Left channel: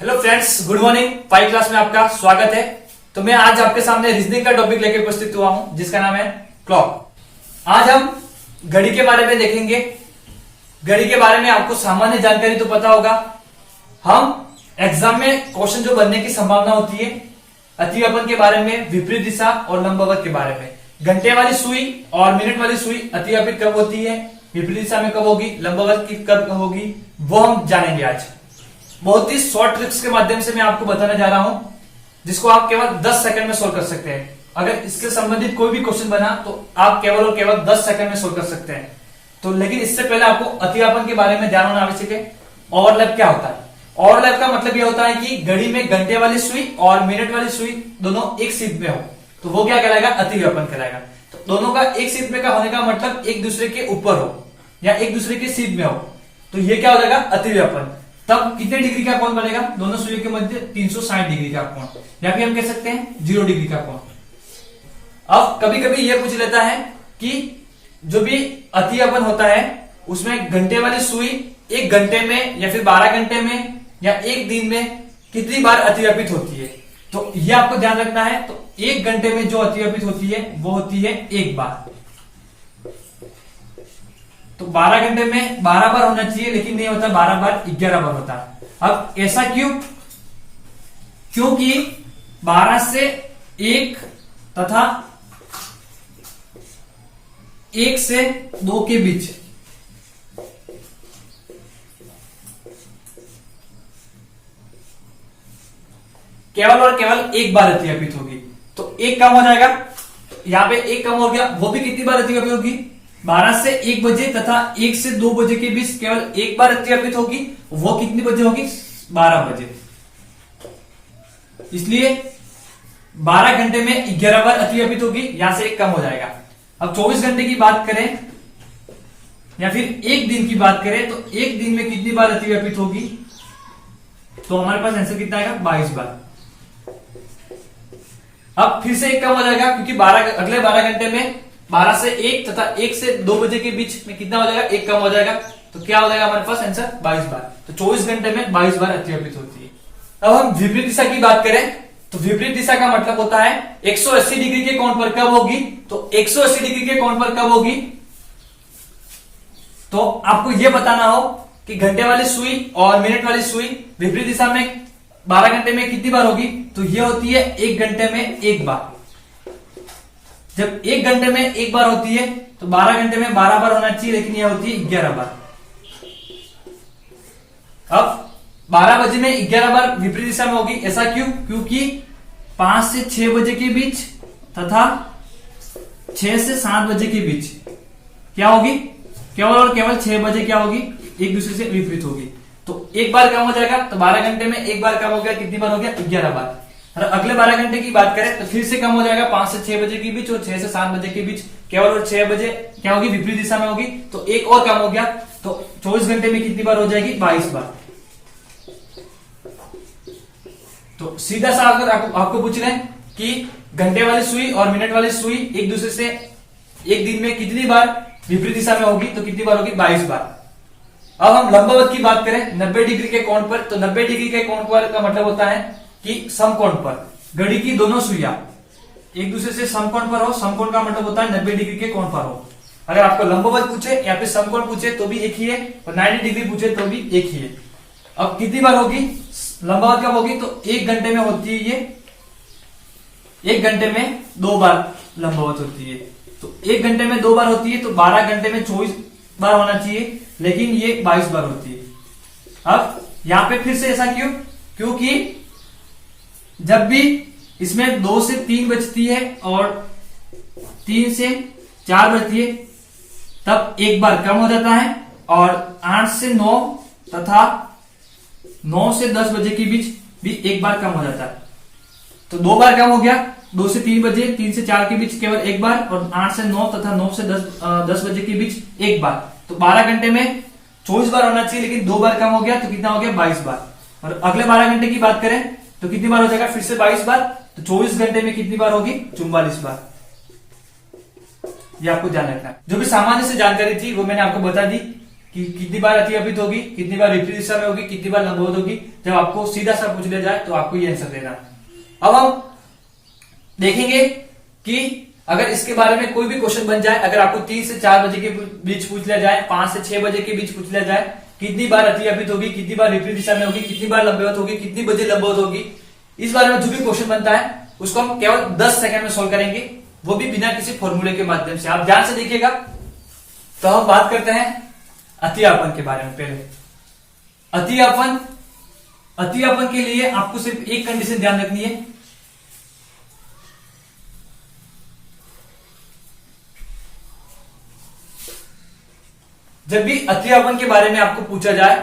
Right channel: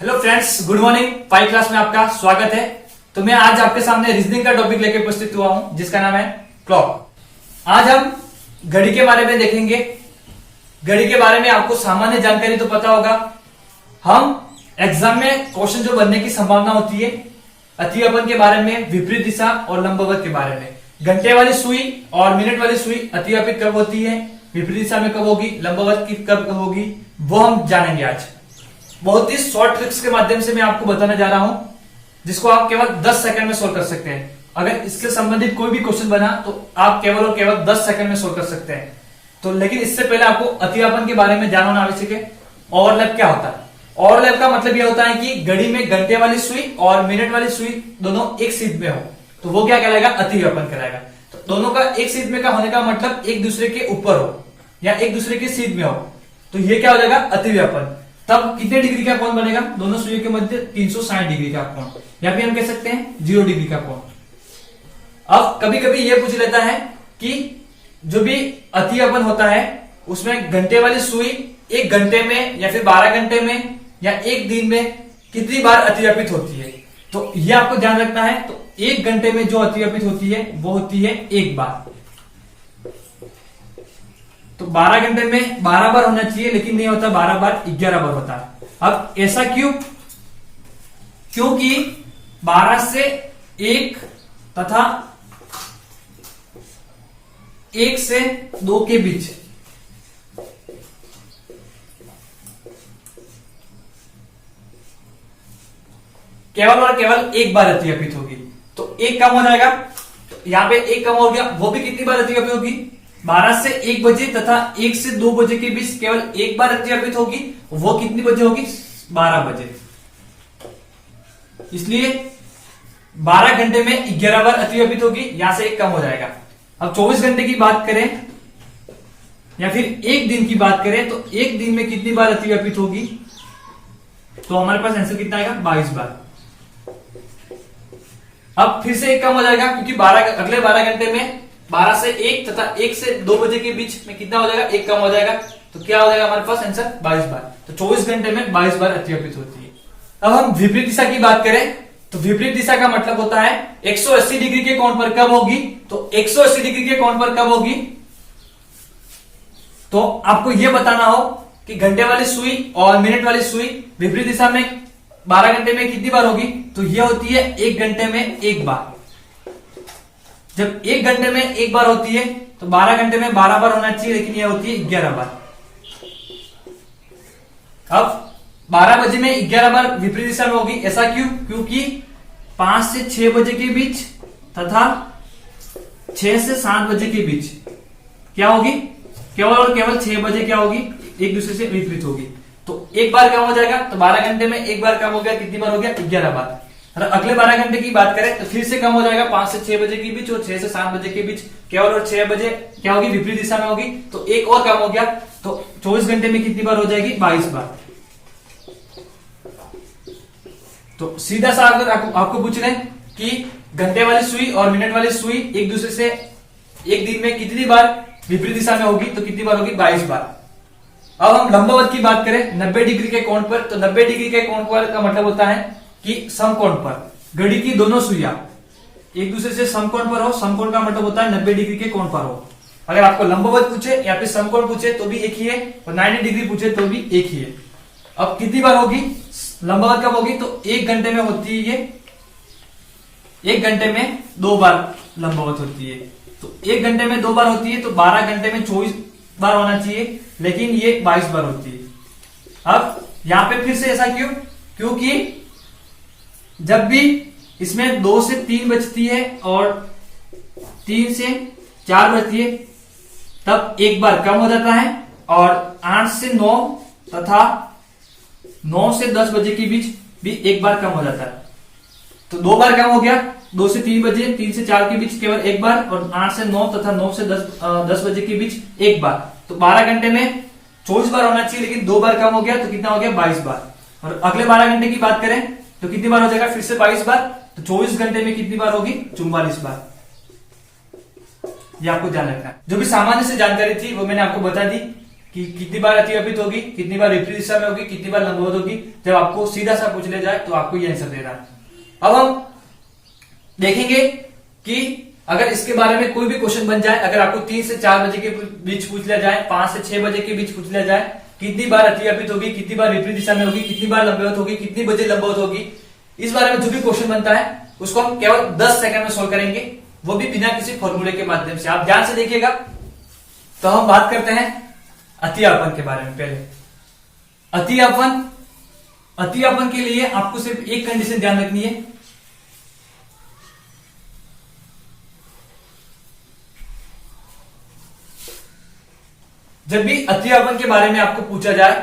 Hello friends, good morning. 5 class में आपका स्वागत है। तो मैं आज आपके सामने रीजनिंग का टॉपिक लेकर उपस्थित हुआ हूं जिसका नाम है क्लॉक। आज हम घड़ी के बारे में देखेंगे। घड़ी के बारे में आपको सामान्य जानकारी तो पता होगा। हम एग्जाम में क्वेश्चन जो बनने की संभावना होती है, अतिव्यापन के बारे में, विपरीत दिशा और लंबवत के बारे में, घंटे वाली सुई और मिनट वाली सुई अतिव्यापित कब होती है, विपरीत दिशा में कब होगी, लंबवत की कब होगी, वो हम जानेंगे आज। बहुत ही शॉर्ट ट्रिक्स के माध्यम से मैं आपको बताने जा रहा हूं, जिसको आप केवल 10 सेकंड में सोल्व कर सकते हैं। अगर इसके संबंधित कोई भी क्वेश्चन बना तो आप केवल और केवल 10 सेकंड में सोल्व कर सकते हैं। तो लेकिन इससे पहले आपको अतिव्यापन के बारे में जानना आवश्यक है। ओवरलैप क्या होता है? ओवरलैप का मतलब यह होता है कि घड़ी में घंटे वाली सुई और मिनट वाली सुई दोनों एक सीध में हो, तो वो क्या कहलाएगा? अतिव्यापन कहलाएगा। तो दोनों का एक सीध में का होने का मतलब एक दूसरे के ऊपर हो या एक दूसरे के सीध में हो, तो ये क्या हो जाएगा? अतिव्यापन। तब कितने डिग्री का कोण बनेगा? दोनों सुइयों के मध्य 360 डिग्री का कोण, या फिर हम कह सकते हैं 0 डिग्री का कोण। अब कभी कभी यह पूछ लेता है कि जो भी अतिव्यापन होता है उसमें घंटे वाली सुई एक घंटे में या फिर 12 घंटे में या एक दिन में कितनी बार अतिव्यापित होती है, तो यह आपको ध्यान रखना है। तो एक घंटे में जो अतिव्यापित होती है वो होती है एक बार। तो 12 घंटे में 12 बार होना चाहिए, लेकिन नहीं होता, 12 बार 11 बार होता है। अब ऐसा क्यों? क्योंकि 12 से 1 तथा 1 से 2 के बीच केवल और केवल एक बार अतिव्यापित होगी, तो एक कम हो जाएगा। तो यहां पे एक कम हो गया, वो भी कितनी बार अतिव्यापित होगी? 12 से 1 बजे तथा 1 से 2 बजे के बीच केवल एक बार अतिव्यापित होगी। वो कितनी बजे होगी? 12 बजे। इसलिए 12 घंटे में 11 बार अतिव्यापित होगी, यहां से एक कम हो जाएगा। अब 24 घंटे की बात करें या फिर एक दिन की बात करें, तो एक दिन में कितनी बार अतिव्यापित होगी? तो हमारे पास आंसर कितना आएगा? 22 बार। अब फिर से एक कम हो जाएगा, क्योंकि अगले 12 घंटे में 12 से 1 तथा 1 से 2 बजे के बीच में कितना हो जाएगा? एक कम हो जाएगा। तो क्या हो जाएगा हमारे पास आंसर? 22 बार। तो 24 घंटे में 22 बार अतिव्यापित होती है। अब हम विपरीत दिशा की बात करें, तो विपरीत दिशा का मतलब होता है 180 डिग्री के कोण पर कब होगी। तो 180 डिग्री के कोण पर कब होगी? तो आपको यह बताना हो कि घंटे वाली सुई और मिनट वाली सुई विपरीत दिशा में 12 घंटे में कितनी बार होगी, तो यह होती है 1 घंटे में एक बार। जब 1 घंटे में एक बार होती है तो 12 घंटे में 12 बार होना चाहिए, लेकिन यह होती है 11 बार। अब 12 बजे में 11 बार विपरीत दिशा में होगी। ऐसा क्यों? क्योंकि 5 से 6 बजे के बीच तथा 6 से 7 बजे के बीच क्या होगी? केवल और केवल 6 बजे क्या होगी? एक दूसरे से विपरीत होगी। तो एक बार कम हो जाएगा। तो 12 घंटे में एक बार कम हो गया, कितनी बार हो गया? 11 बार। और अगले 12 घंटे की बात करें तो फिर से कम हो जाएगा, 5 से 6 बजे के बीच और 6 से 7 बजे के बीच। केवल और 6 बजे क्या होगी? विपरीत दिशा में होगी। तो एक और कम हो गया। तो 24 घंटे में कितनी बार हो जाएगी? 22 बार। तो सीधा सा अगर आपको पूछ रहे हैं कि घंटे वाली सुई और मिनट वाली सुई एक दूसरे से एक दिन में कितनी बार विपरीत दिशा में होगी, तो कितनी बार होगी? 22 बार। अब हम लंबवत की बात करें 90 डिग्री के कोण पर, तो 90 डिग्री के कोण पर का मतलब होता है कि समकोण पर घड़ी की दोनों सुइयां एक दूसरे से समकोण पर हो। समकोण का मतलब होता है 90 डिग्री के कोण पर हो। अगर आपको लंबवत पूछे या फिर समकोण पूछे तो भी एक ही है, और 90 डिग्री पूछे तो भी एक ही है। अब कितनी बार होगी लंबवत? कब होगी? तो 1 घंटे में होती है ये। 1 घंटे में 2 बार लंबवत होती है। तो 1 घंटे में 2 बार होती है, तो 12 घंटे में 24 बार होना चाहिए, लेकिन ये 22 बार होती है। अब यहां पे फिर से ऐसा क्यों? क्योंकि जब भी इसमें 2 से 3 बचती है और 3 से 4 बचती है, तब एक बार कम हो जाता है, और 8 से 9 तथा 9 से 10 बजे के बीच भी एक बार कम हो जाता है। तो 2 बार कम हो गया। 2 से 3 बजे, 3 से 4 के बीच केवल एक बार, और 8 से 9 तथा 9 से 10 बजे के बीच एक बार। तो 12 घंटे में 24 बार होना चाहिए, लेकिन 2 बार कम हो गया, तो कितना हो गया? 22 बार। और अगले 12 घंटे की बात करें तो कितनी बार हो जाएगा? फिर से 22 बार। तो 24 घंटे में कितनी बार होगी? 44 बार। ये आपको ध्यान रखना है। जो भी सामान्य से जानकारी थी वो मैंने आपको बता दी। कि कितनी बार अतिव्यापित होगी, कितनी बार विपरीत दिशा में होगी, कितनी बार लंबवत होगी। जब आपको सीधा सा पूछ लिया जाए तो आपको ये आंसर देना है। अब हम देखेंगे कि अगर इसके बारे में कोई भी क्वेश्चन बन जाए, अगर आपको 3 से 4 बजे के बीच पूछ लिया जाए, 5 से 6 बजे के बीच पूछ लिया जाए, कितनी बार अतिव्यापित होगी, कितनी बार विपरीत दिशा में होगी, कितनी बार लंबवत होगी, कितनी बजे लंबवत होगी, इस बारे में जो भी क्वेश्चन बनता है उसको हम केवल 10 सेकंड में सोल्व करेंगे, वो भी बिना किसी फॉर्मूले के माध्यम से। आप ध्यान से देखिएगा। तो हम बात करते हैं अतिव्यापन के बारे में। पहले अतिव्यापन के लिए आपको सिर्फ एक कंडीशन ध्यान रखनी है। जब भी अतिव्यापन के बारे में आपको पूछा जाए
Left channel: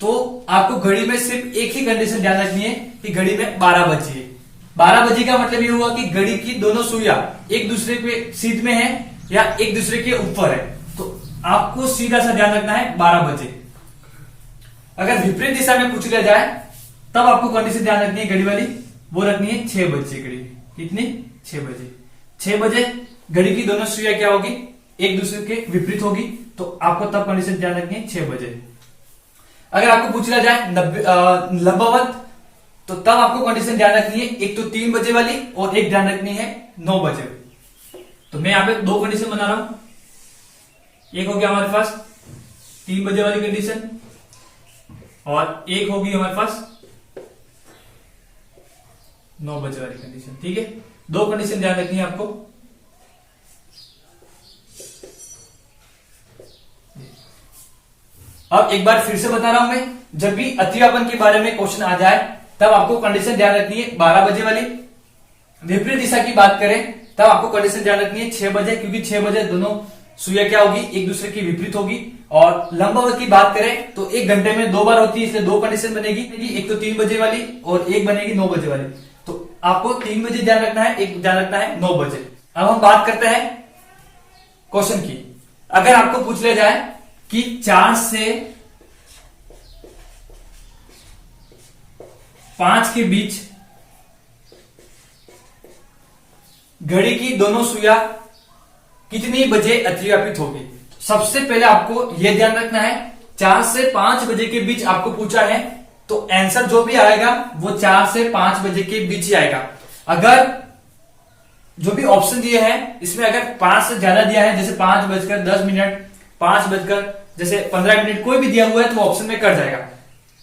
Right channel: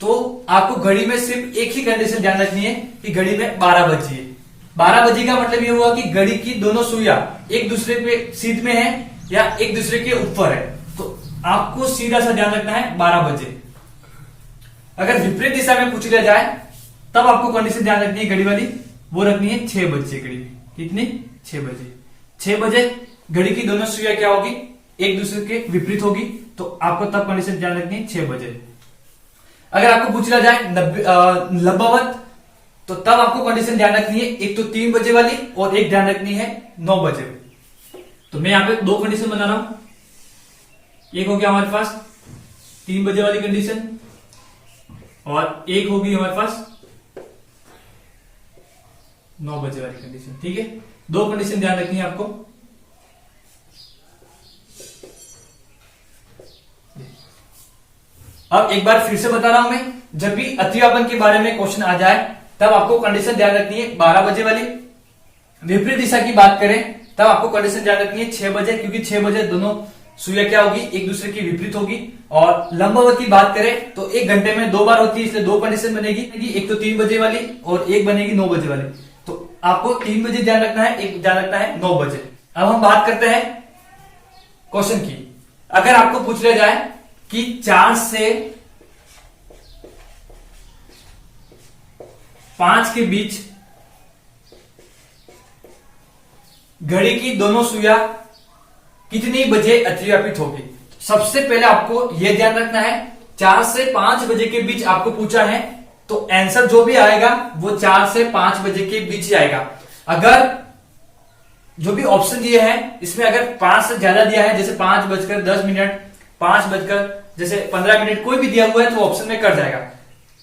तो आपको घड़ी में सिर्फ एक ही कंडीशन ध्यान रखनी है कि घड़ी में 12 बजे है। 12 बजे का मतलब ये हुआ कि घड़ी की दोनों सुइयां एक दूसरे पे सीध में है या एक दूसरे के ऊपर है, तो आपको सीधा सा ध्यान रखना है 12 बजे। अगर विपरीत दिशा में पूछ लिया जाए तब आपको कंडीशन ध्यान रखनी है घड़ी वाली, वो रखनी है 6 बजे घड़ी। कितनी? 6 बजे। 6 बजे घड़ी की दोनों सुइयां क्या होगी? एक दूसरे के विपरीत होगी, तो आपको तब कंडीशन ध्यान रखनी है 6 बजे। अगर आपको पूछ लिया जाए लंबवत, तो तब आपको कंडीशन ध्यान रखनी है एक तो 3 बजे वाली और एक ध्यान रखनी है 9 बजे वाली। तो मैं यहां पे 2 कंडीशन बना रहा हूं। एक हो गया हमारे पास 3 बजे वाली कंडीशन और एक होगी हमारे पास 9 बजे वाली कंडीशन। ठीक है, 2 कंडीशन ध्यान रखनी है आपको। अब एक बार फिर से बता रहा हूं मैं, जब भी अतिव्यापन के बारे में क्वेश्चन आ जाए तब आपको कंडीशन ध्यान रखनी है 12 बजे वाली। विपरीत दिशा की बात करें तब आपको कंडीशन ध्यान रखनी है 6 बजे, क्योंकि 6 बजे दोनों सुइयां क्या होगी? एक दूसरे की विपरीत होगी। और लंबवत की बात करें तो 1 घंटे में 2 बार होती है, इसलिए 2 कंडीशन बनेगी, एक तो 3 बजे वाली और एक बनेगी 9 बजे वाली। तो आपको 3 बजे ध्यान रखना है, एक ध्यान रखना है 9 बजे। अब हम बात करते हैं क्वेश्चन की। अगर आपको पूछ लिया जाए कि 4 से 5 के बीच घड़ी की दोनों सुइयां कितनी बजे अतिव्यापित होगी, सबसे पहले आपको यह ध्यान रखना है 4 से 5 बजे के बीच आपको पूछा है, तो आंसर जो भी आएगा वो 4 से 5 बजे के बीच ही आएगा। अगर जो भी ऑप्शन दिए हैं इसमें अगर 5 से ज्यादा दिया है, जैसे 5:10, 5:15 मिनट कोई भी दिया हुआ है, तो ऑप्शन में कट जाएगा।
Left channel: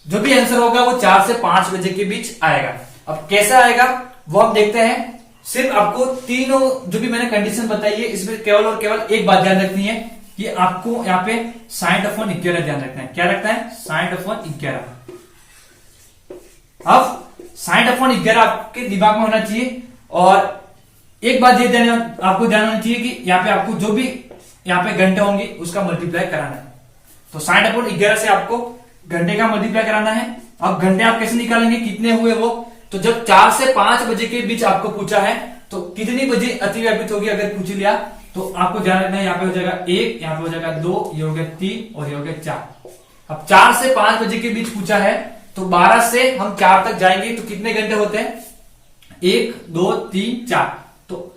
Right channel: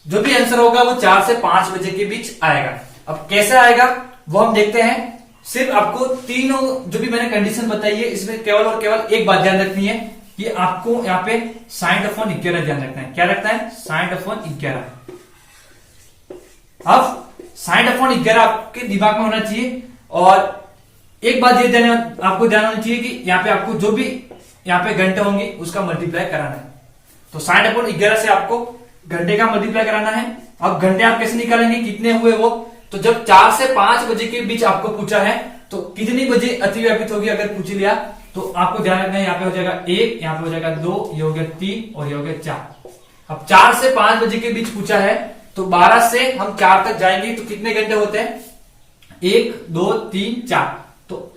जो भी आंसर होगा वो 4 से 5 बजे के बीच आएगा। अब कैसे आएगा वो हम देखते हैं। सिर्फ आपको तीनों जो भी मैंने कंडीशन बताई है इसमें केवल और केवल एक बात ध्यान रखनी है कि आपको यहाँ पे 60/11 ध्यान रखना है। क्या रखना है? 60/11। अब 60/11 आपके दिमाग में होना चाहिए। और एक बात ये आपको ध्यान होनी चाहिए कि यहाँ पे आपको जो भी यहाँ पे घंटे होंगे उसका मल्टीप्लाई कराना है। तो 60/11 से आपको घंटे का मल्टीप्लाई कराना है। अब घंटे आप कैसे निकालेंगे, कितने हुए वो? तो जब 4 से 5 बजे के बीच आपको पूछा है तो कितनी बजे अतिव्यापित होगी अगर पूछ लिया, तो आपको ध्यान रखना है यहाँ पे हो जाएगा 1, यहाँ पे हो जाएगा 2, ये हो गया 3 और ये हो गया 4। अब 4 से 5 बजे के बीच पूछा है तो 12 से हम 4 तक जाएंगे तो कितने घंटे होते हैं? 1, 2, 3, 4। तो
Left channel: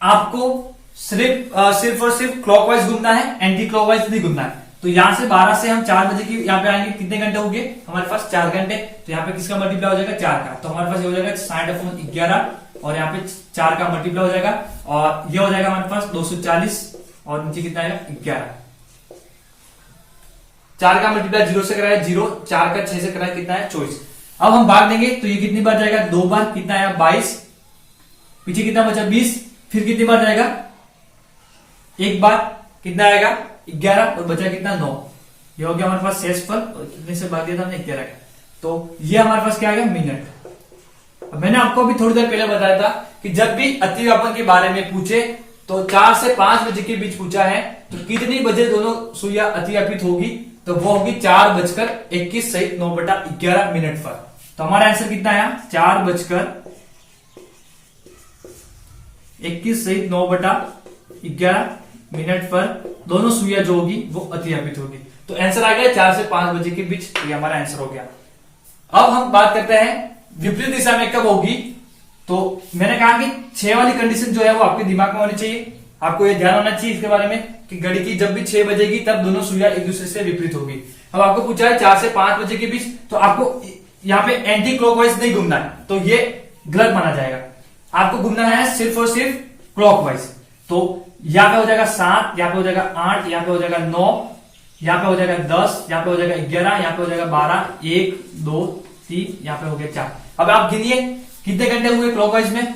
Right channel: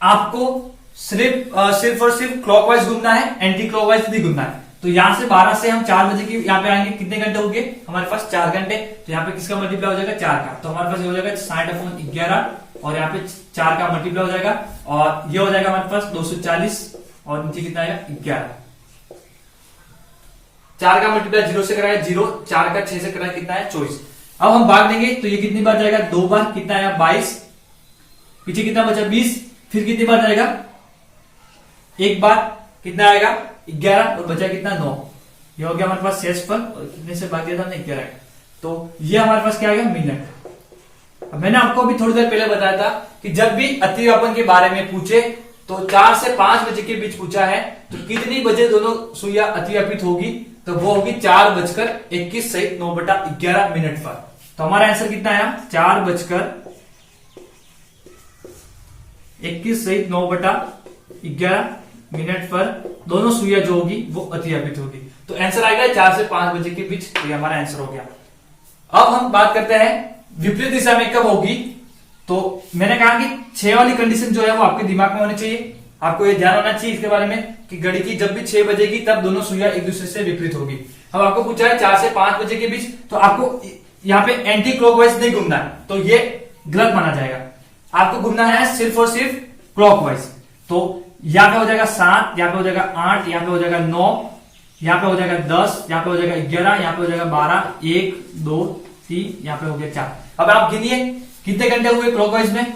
आपको सिर्फ और सिर्फ क्लॉकवाइज घूमना है, एंटी क्लॉकवाइज नहीं घूमना है। तो यहां से 12 से हम 4 बजे की यहाँ पे आएंगे, कितने घंटे हो गए हमारे पास? 4 घंटे। तो यहाँ पे किसका मल्टीप्लाई हो जाएगा? 4 का। तो हमारे पास ये हो जाएगा 60/11 और यहाँ पे 4 का मल्टीप्लाई हो जाएगा और ये हो जाएगा हमारे पास 240 और नीचे कितना आएगा? 11। 4 का मल्टीप्लाई 0 से कराया 0, 4 का 6 से कराया कितना है? 24। अब हम भाग देंगे तो ये कितनी बार जाएगा? 2 बार। कितना आया? 22। पीछे कितना बचा? 20। फिर कितनी बार जाएगा? 1 बार। कितना आएगा? 11 और बचा कितना? 9। ये हो गया हमारे पास शेषफल और कितने से भाग दिया था हमने? 11। तो ये हमारे पास क्या आएगा? मिनट। अब मैंने आपको भी थोड़ी देर पहले बताया था कि जब भी अतिव्यापन के बारे में पूछे तो 4 से 5 बजे के बीच पूछा है तो कितनी बजे दोनों सुइयां अतिव्यापित होगी, तो वो होगी 4:21 सहित 9/11 मिनट पर। तो हमारा आंसर कितना आया? 4:21 सहित 9/11 मिनट पर दोनों सुइयां जो होगी वो अतिव्यापित होगी। तो आंसर आ गया 4 से 5 बजे के बीच। तो ये हमारा आंसर हो गया। अब हम बात करते हैं विपरीत दिशा में कब होगी। तो मैंने कहा कि 6 वाली कंडीशन जो है वो आपके दिमाग में होनी चाहिए। आपको ये ध्यान होना चाहिए इसके बारे में कि घड़ी की जब भी 6 बजेगी तब दोनों सुइयां एक दूसरे से विपरीत होगी। अब आपको पूछा है 4 से 5 बजे के बीच, तो आपको यहाँ पे एंटी क्लॉकवाइज नहीं घूमना है, तो ये गलत माना जाएगा। आपको घूमना है सिर्फ और सिर्फ क्लॉकवाइज। तो यहाँ पे हो जाएगा 7, यहाँ पे हो जाएगा 8, यहाँ पे हो जाएगा 9, यहाँ पे हो जाएगा 10, यहाँ पे हो जाएगा 11, यहाँ पे हो जाएगा 12, 1 2 3, यहाँ पे हो गया 4। अब आप गिनिए कितने घंटे हुए क्लॉकवाइज में।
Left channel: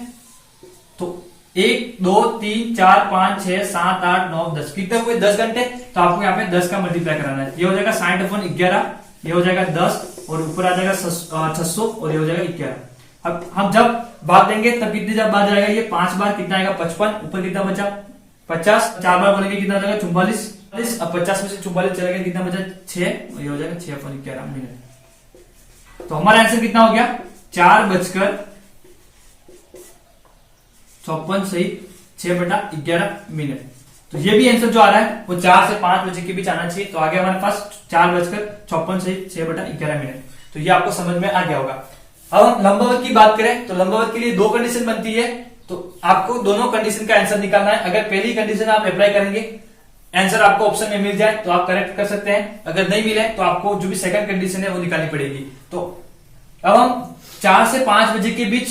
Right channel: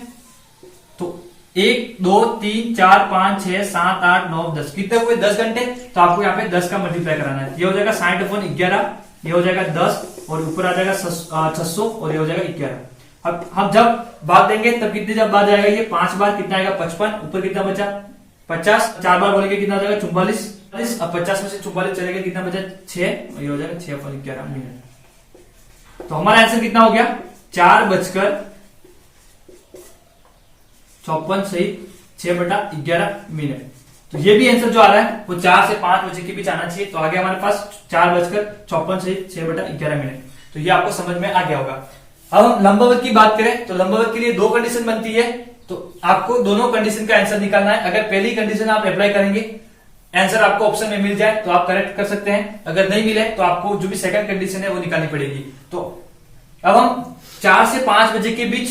तो 1 2 3 4 5 6 7 8 9 10, कितने हुए 10 घंटे। तो आपको यहाँ पे 10 का मल्टीप्लाई कराना है। ये हो जाएगा 60/11, ये हो जाएगा 10 और ऊपर आ जाएगा 600 और ये हो जाएगा 11। अब हम जब भाग देंगे तब कितनी जब बार जाएगा, ये 5 बार कितना आएगा 55, ऊपर कितना बचा 50, 4 बार बोलेंगे कितना हो जाएगा 44। अब 50 में से 44 चलेगा कितना बचा 6 और ये हो जाएगा 6/11 मिनट। तो हमारा आंसर कितना हो गया 4:54 सही 6/11 मिनट। तो ये भी आंसर जो आ रहा है वो 4 से 5 बजे के बीच आना चाहिए। तो आगे हमारे पास 4:54 सही 6/11 मिनट। तो ये आपको समझ में आ गया होगा। अब हम लंबवत की बात करें तो लंबवत के लिए 2 कंडीशन बनती है, तो आपको दोनों कंडीशन का आंसर निकालना है। अगर पहली कंडीशन आप अप्लाई करेंगे, आंसर आपको ऑप्शन में मिल जाए तो आप करेक्ट कर सकते हैं, अगर नहीं मिले तो आपको जो भी सेकंड कंडीशन है वो निकालनी पड़ेगी। तो अब हम 4 से 5 बजे के बीच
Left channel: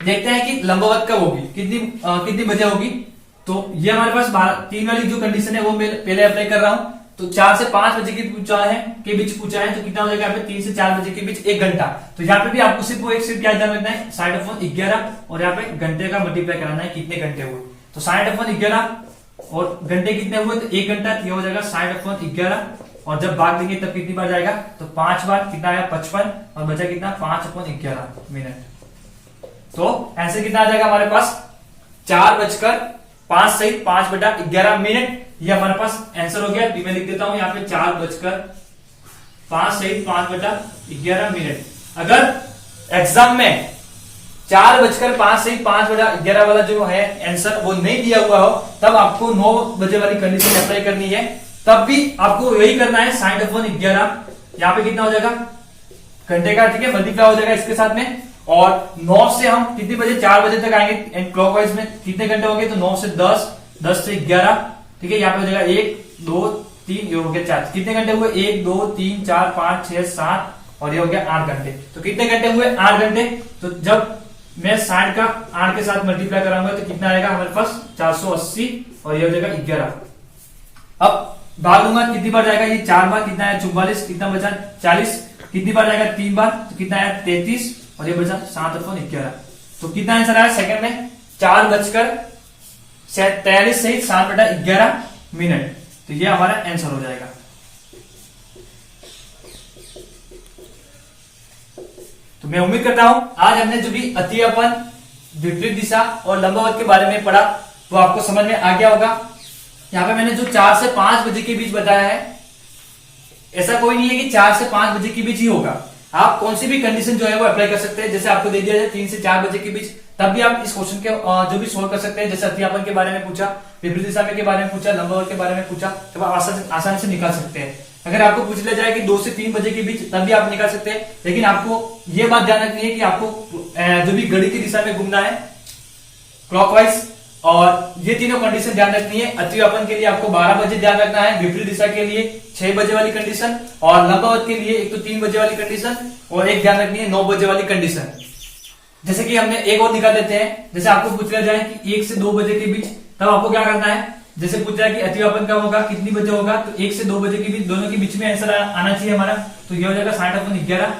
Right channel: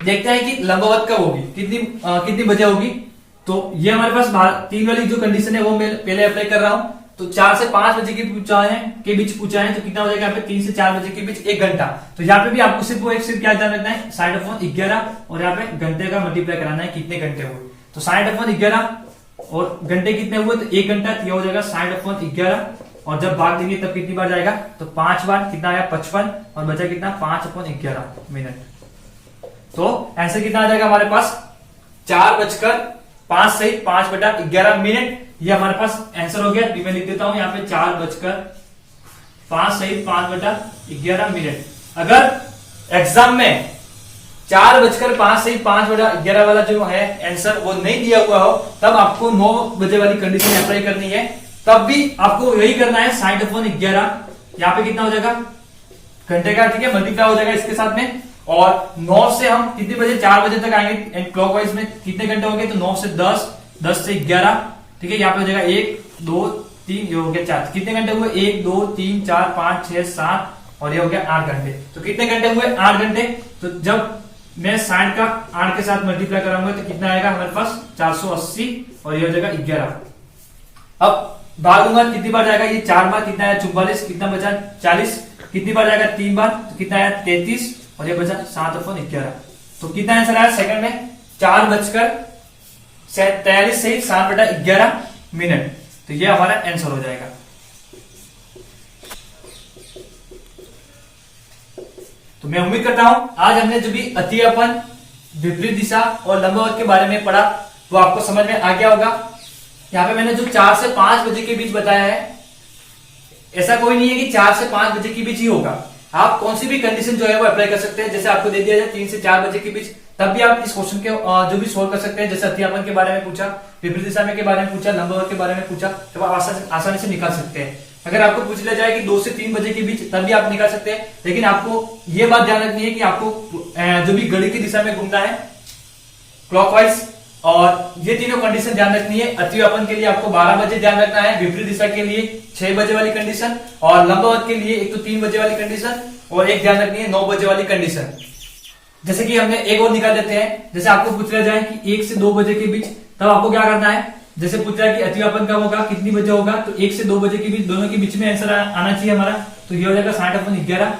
देखते हैं कि लंबवत कब होगी, कितनी बजे होगी। तो ये हमारे पास 3 वाली जो कंडीशन है वो मैं पहले अप्लाई कर रहा हूं। तो 4 से 5 बजे के बीच पूछा है तो कितना हो जाएगा 3 से 4 बजे के बीच 1 घंटा। तो यहाँ पे भी आपको सिर्फ क्या ध्यान रखना है 60/11 और यहाँ पे घंटे का मल्टीप्लाई कराना है कितने घंटे हुए। तो 60/11 और घंटे कितने हुए तो 1 घंटा, ये हो जाएगा 60/11 और जब भाग देंगे तब कितनी बार जाएगा तो 5 बार, कितना आया 55 और बचा कितना 5/11 मिनट। तो आंसर कितना आ जाएगा हमारे पास 4:05 सही 5/11 मिनट। ये हमारे पास आंसर हो गया। मैं लिख देता हूं यहाँ पे 4:05 सही 5/11 मिनट। अगर एग्जाम में 4:05 सही 5/11 वाला जो है आंसर वो नहीं दिया हुआ हो, तब आपको 9 बजे वाली कंडीशन अप्लाई करनी है। तब भी आपको यही करना है 60/11। यहाँ पे कितना हो जाएगा घंटे का, ठीक है, मल्टीप्लाई हो जाएगा इसके साथ में। और 9 से हम कितने बजे 4 बजे तक आएंगे क्लॉकवाइज में कितने घंटे होंगे तो 9 से 10, 10 से 11, ठीक है। यहाँ पे हो जाएगा 1 2 3, ये हो गया 4। कितने घंटे हुए 1 2 3 4 5 6 7 और ये हो गया 8 घंटे। तो कितने घंटे हुए 8 घंटे। तो जब मैं 60 का 8 के साथ मल्टीप्लाई कराऊंगा तो कितना आएगा हमारे पास 480 और ये हो जाएगा 11। अब भाग दूंगा कितनी बार जाएगा, ये 4 बार, कितना आया 44, कितना बचा 40, कितनी बार जाएगा 3 बार, तो कितना आया 33 और ये बचा 7/11। तो कितना आंसर आया सेकंड में 4:43 सही 7/11 मिनट। तो ये हमारा आंसर हो जाएगा। तो मैं उम्मीद करता हूं आज हमने जो भी अतियपन, विपरीत दिशा और लंबवत के बारे में पढ़ा वो आपको समझ में आ गया होगा। यहाँ पे मैंने जो 4 से 5 बजे के बीच बताया है, ऐसा कोई नहीं है कि 4 से 5 बजे के बीच ही होगा। आप कौन सी भी कंडीशन जो है वो अप्लाई कर सकते हैं। जैसे आपको दे दिया जाए 3 से 4 बजे के बीच, तब भी आप इस क्वेश्चन के जो भी सोल्व कर सकते हैं। जैसे अतियापन के बारे में पूछा, विपरीत दिशा में के बारे में पूछा, लंबवत के बारे में पूछा, तब आप आसानी से निकाल सकते हैं। अगर आपको पूछ लिया जाए कि 2 से 3 बजे के बीच, तब भी आप निकाल सकते हैं। लेकिन आपको ये बात ध्यान रखनी है कि आपको जो भी घड़ी की दिशा में घूमना है क्लॉकवाइज, और ये तीनों कंडीशन ध्यान रखनी है। अतिव्यापन के लिए आपको 12 बजे ध्यान रखना है, विपरीत दिशा के लिए 6 बजे वाली कंडीशन, और लंबवत के लिए एक तो 3 बजे वाली कंडीशन और एक ध्यान रखनी है 9 बजे वाली कंडीशन। जैसे कि हमने एक और निकाल देते हैं। जैसे आपको पूछ लिया जाए कि 1 से 2 बजे के बीच, तब आपको क्या करना है। जैसे पूछ रहा है कि अतिव्यापन कब होगा, कितनी बजे होगा, तो 1 से 2 बजे के बीच, दोनों के बीच में आंसर आना चाहिए हमारा। तो ये हो जाएगा 60/11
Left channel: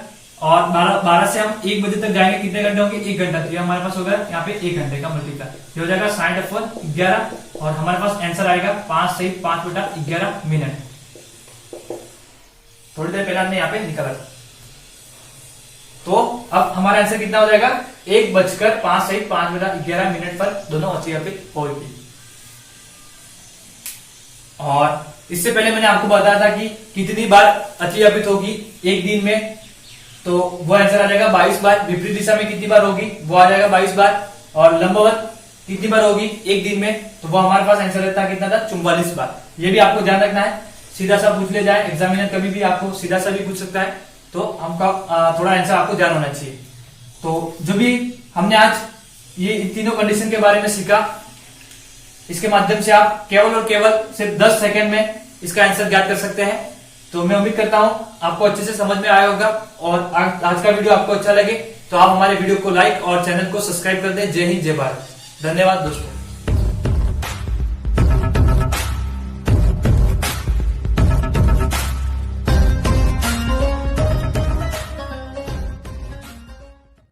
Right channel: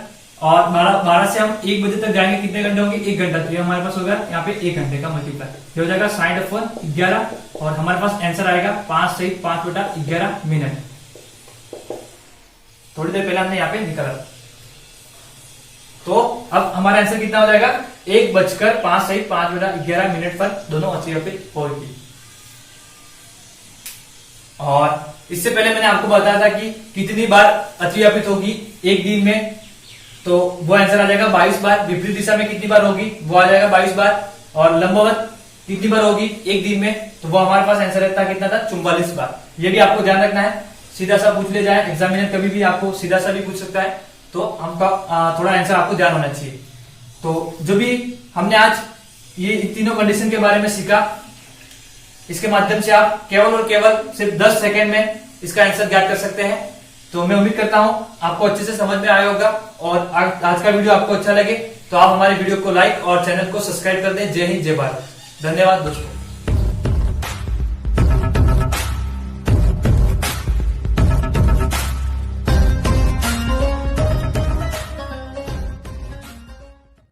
और 12 से हम 1 बजे तक जाएंगे, कितने घंटे होंगे 1 घंटा। तो ये हमारे पास होगा यहाँ पे 1 घंटे का मल्टीप्लाई, ये हो जाएगा 60/11 और हमारे पास आंसर आएगा 5 सही 5/11 मिनट। थोड़ी देर पहले हमने यहाँ पे निकाला। तो अब हमारा आंसर कितना हो जाएगा 1:05 सही 5/11 मिनट पर दोनों अतिव्यापित होगी। और इससे पहले मैंने आपको बताया था कि कितनी बार अतिव्यापित होगी एक दिन में, तो वो आंसर आ जाएगा 22 बार। विपरीत दिशा में कितनी बार होगी, वो आ जाएगा 22 बार। और लंबवत कितनी बार होगी एक दिन में, तो वो हमारे पास आंसर रहता कितना था 44 बार। ये भी आपको ध्यान रखना है। सीधा सा पूछ ले जाए एग्जामिनर, कभी भी आपको सीधा सा भी पूछ सकता है, तो हमका थोड़ा आंसर आपको ध्यान होना चाहिए। तो जो भी हमने आज ये तीनों कंडीशन के बारे में सीखा, इसके माध्यम से आप केवल और केवल सिर्फ 10 सेकंड में इसका आंसर ज्ञात कर सकते हैं। तो मैं उम्मीद करता हूं आपको अच्छे से समझ में आया होगा और आज का वीडियो आपको अच्छा लगे तो आप हमारे वीडियो को लाइक और चैनल को सब्सक्राइब कर दें। जय हिंद, जय भारत। धन्यवाद दोस्तों।